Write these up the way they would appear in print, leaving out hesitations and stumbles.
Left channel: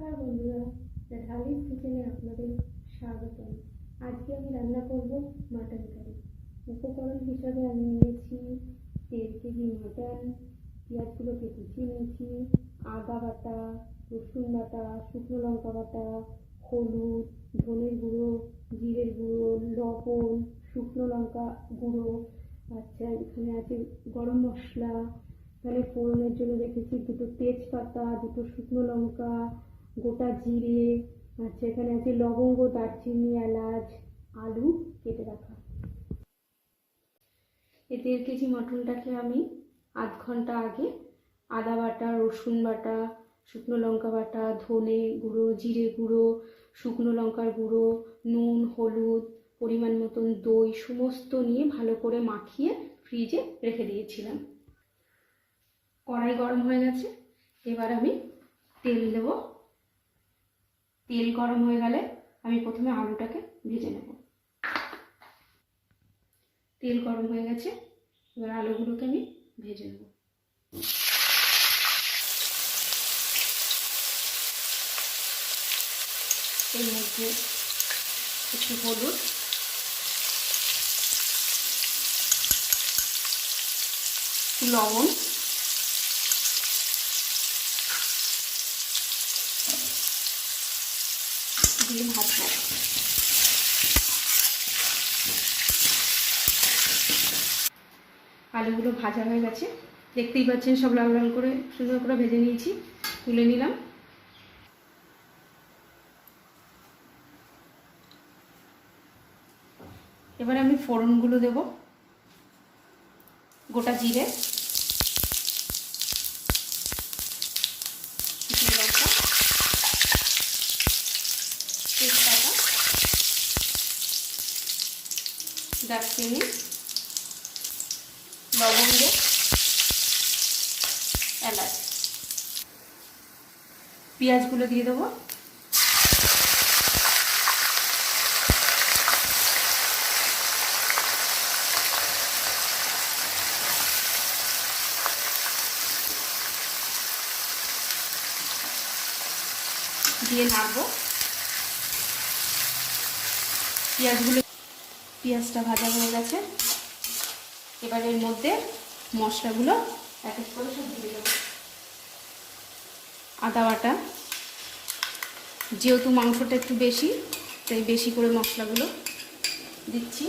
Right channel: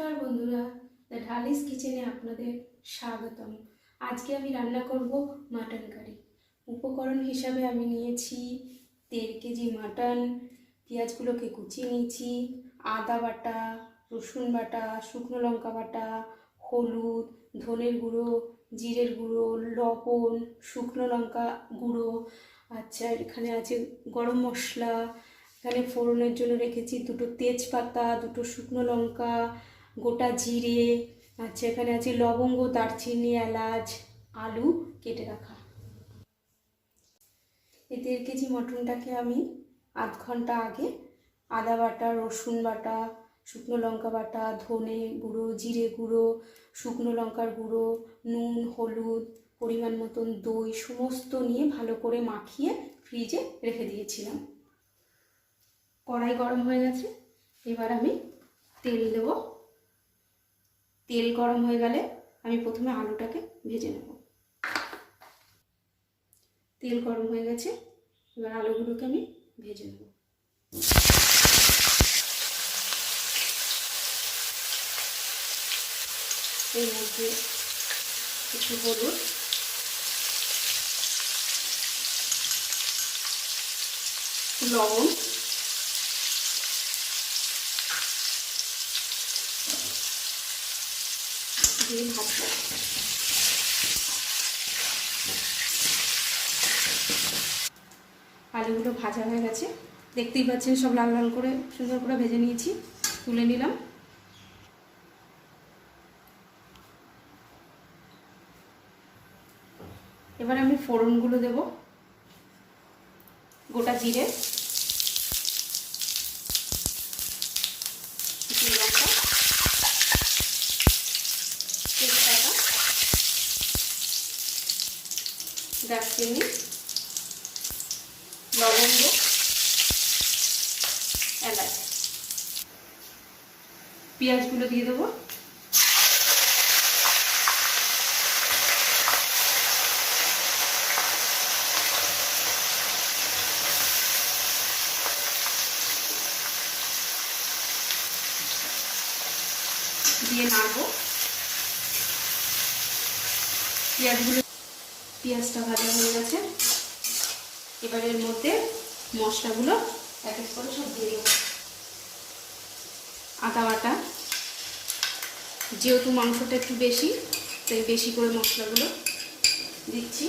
নমস্কার বন্ধুরা, দ্য ঢালিস কিচেনে আপনাদের স্বাগতম। আজকে আমি রান্না করব মাটন কারি। উপকরণ হিসাবে আমি নিয়েছি 1.5 কেজি মাটন, পেঁয়াজগুলোকে কুচিয়ে নিয়েছি, আদা বাটা, রসুন বাটা, শুকনো লঙ্কা বাটা, হলুদ, ধনের গুঁড়ো, জিরের গুঁড়ো, লবণ, শুকনো লঙ্কা গুঁড়ো, আচ্ছা এখানে আছে গরম মশলা, এখানে ফোড়নের জন্য রেখেছি 2টো তেজপাতা, 2টো শুকনো লঙ্কা, গোটা জিরে, আচ্ছা এখানে আছে লবঙ্গ, দারচিনি, এলাচ, আলু কেটে রাখা। এই 1.5 কেজি মটনটাকে আমি আধ ঘন্টা আগে আদা বাটা, রসুন বাটা, শুকনো লঙ্কা বাটা, ধনে গুঁড়ো, জিরে গুঁড়ো, শুকনো লঙ্কার গুঁড়ো, নুন, হলুদ, পরিমাণ মতন দই সমস্ত নিয়ে ভালো করে মাখিয়ে ফ্রিজে রেখে দিয়েছিলাম। কড়াই গরম হয়ে গেছে, এবার আমি তেল দেব। তেল গরম হয়ে গেলে আমি প্রথমে আলুটাকে ভেজে নেব। তেল গরম হয়ে গেছে, এবার আলুগুলোকে আমি ভেজে নেব। এর মধ্যে একটু হলুদ, লবণ, দিয়ে ভাজবো। আলুগুলো ভাজা হয়ে গেছে, দেখতেই পাচ্ছেন সব লাল লাল করে সুন্দর করে ভেজে নিয়েছি, তুলে নিলাম। এবার আমি ফোড়নগুলো দেব। গোটা জিরে, তেজপাতা, দারচিনি, লবঙ্গ, এলাচ, পেঁয়াজগুলো দিয়ে দেবো। দিয়ে নাড়বো। পেঁয়াজটা ভাজা হয়ে গেছে, এবার এর মধ্যে মশলাগুলো এক এক করে সব দিয়ে দেবো। আদা বাটা, যেহেতু মাংসটা একটু বেশি তাই বেশি করে মশলাগুলো দিচ্ছি।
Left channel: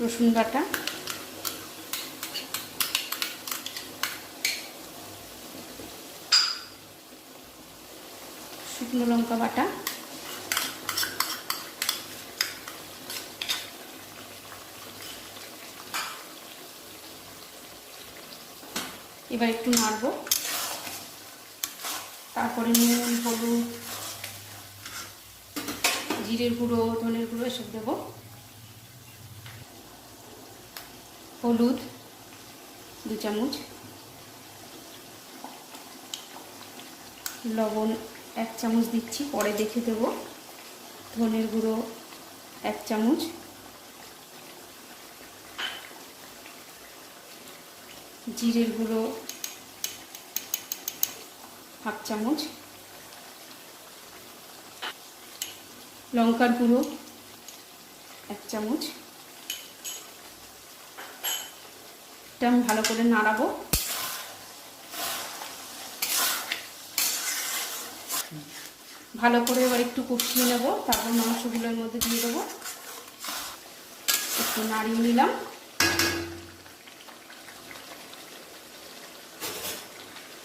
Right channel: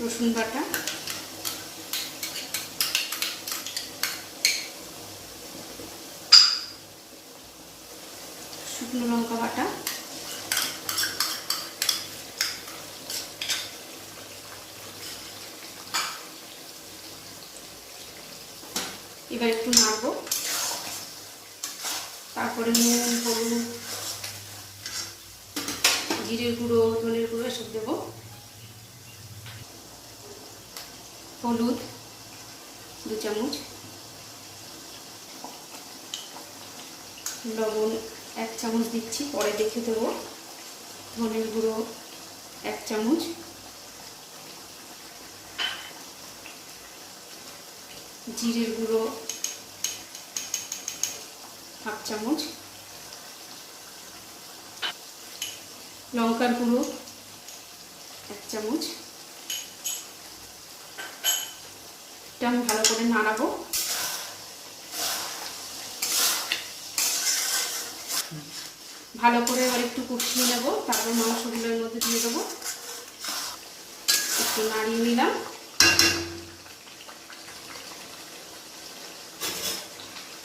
রসুন বাটা, শুকনো লঙ্কা বাটা, এবার একটু নাড়বো। তারপরে নুন, হলুদ, জিরের গুঁড়ো, ধনের গুঁড়ো এসব দেবো। হলুদ 2 চামচ, লবণ 1 চামচ দিচ্ছি, পরে দেখে দেবো। ধনের গুঁড়ো 1 চামচ, জিরের গুঁড়ো 1/2 চামচ, লঙ্কার গুঁড়ো 1 চামচ। এটা আমি ভালো করে নাড়াবো। ভালো করে এবার একটু কষিয়ে নেব, তারপর মাংসগুলোর মধ্যে দিয়ে দেবো। একটু নাড়িয়ে নিলাম।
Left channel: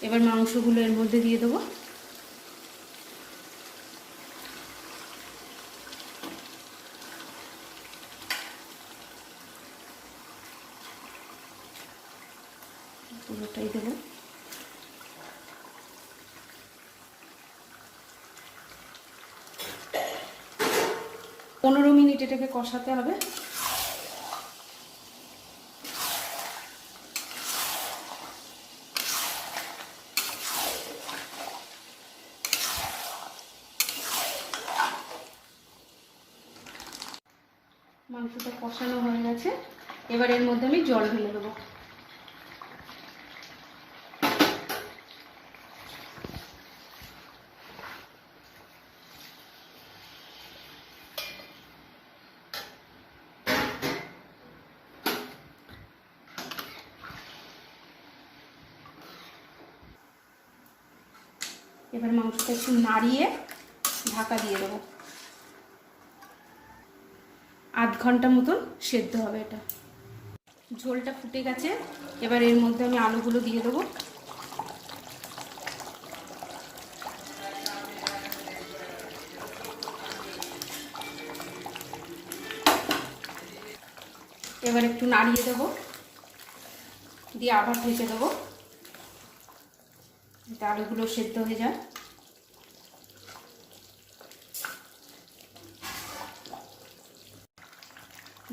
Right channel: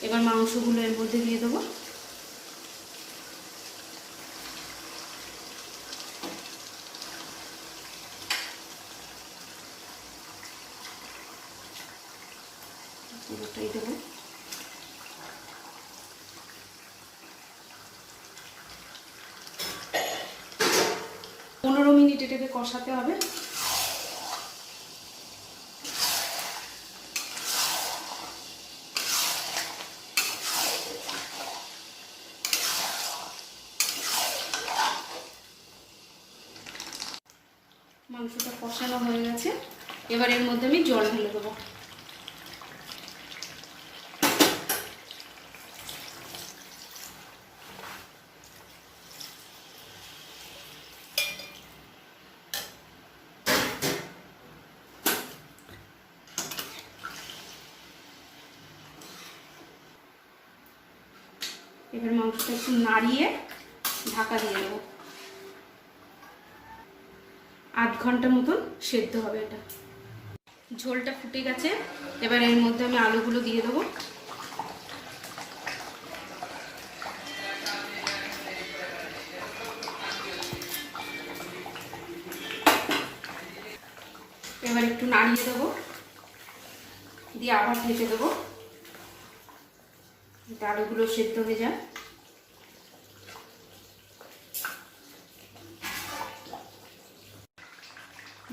এবার মাংসগুলো এর মধ্যে দিয়ে দেবো। পুরোটাই দেবো। পনেরো মিনিট এটাকে কষাতে হবে। মাংসটা কষানো হয়ে গেছে, এবার এর মধ্যে আমি জল ঢেলে দেবো। এবার মাংসটা একটু নাড়িয়ে ঢাকা দিয়ে দেবো। 8 ঘন্টা মতন সেদ্ধ হবে এটা। ঝোলটা ফুটে গেছে, এবার এর মধ্যে আমি আলুগুলো দিয়ে দেবো। এবার একটু নাড়িয়ে দেবো, দিয়ে আবার ঢেকে দেবো, আলুগুলো সেদ্ধ হয়ে যায়।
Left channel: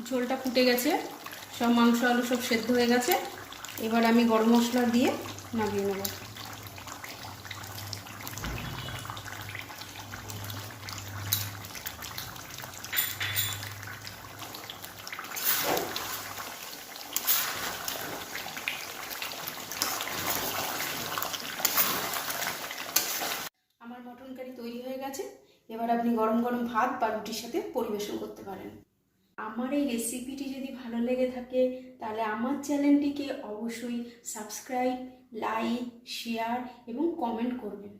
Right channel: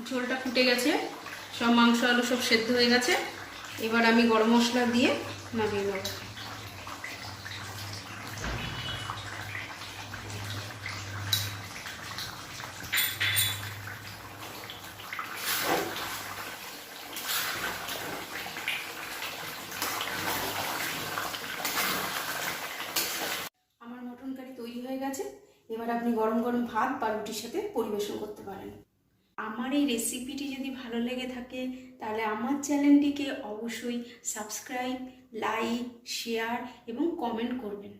ঝোলটা ফুটে গেছে, সব মাংস আলু সব সেদ্ধ হয়ে গেছে। এবার আমি গরম মশলা দিয়ে নামিয়ে নেব। আমার মটন কারি তৈরি হয়ে গেছে। এবার আপনি গরম গরম ভাত বা রুটির সাথে পরিবেশন করতে পারেন। আমার এই রেসিপিটি যদি ভালো লেগে থাকে তাহলে আমার চ্যানেলটিকে অবশ্যই সাবস্ক্রাইব, লাইক, শেয়ার এবং কমেন্ট করবেন।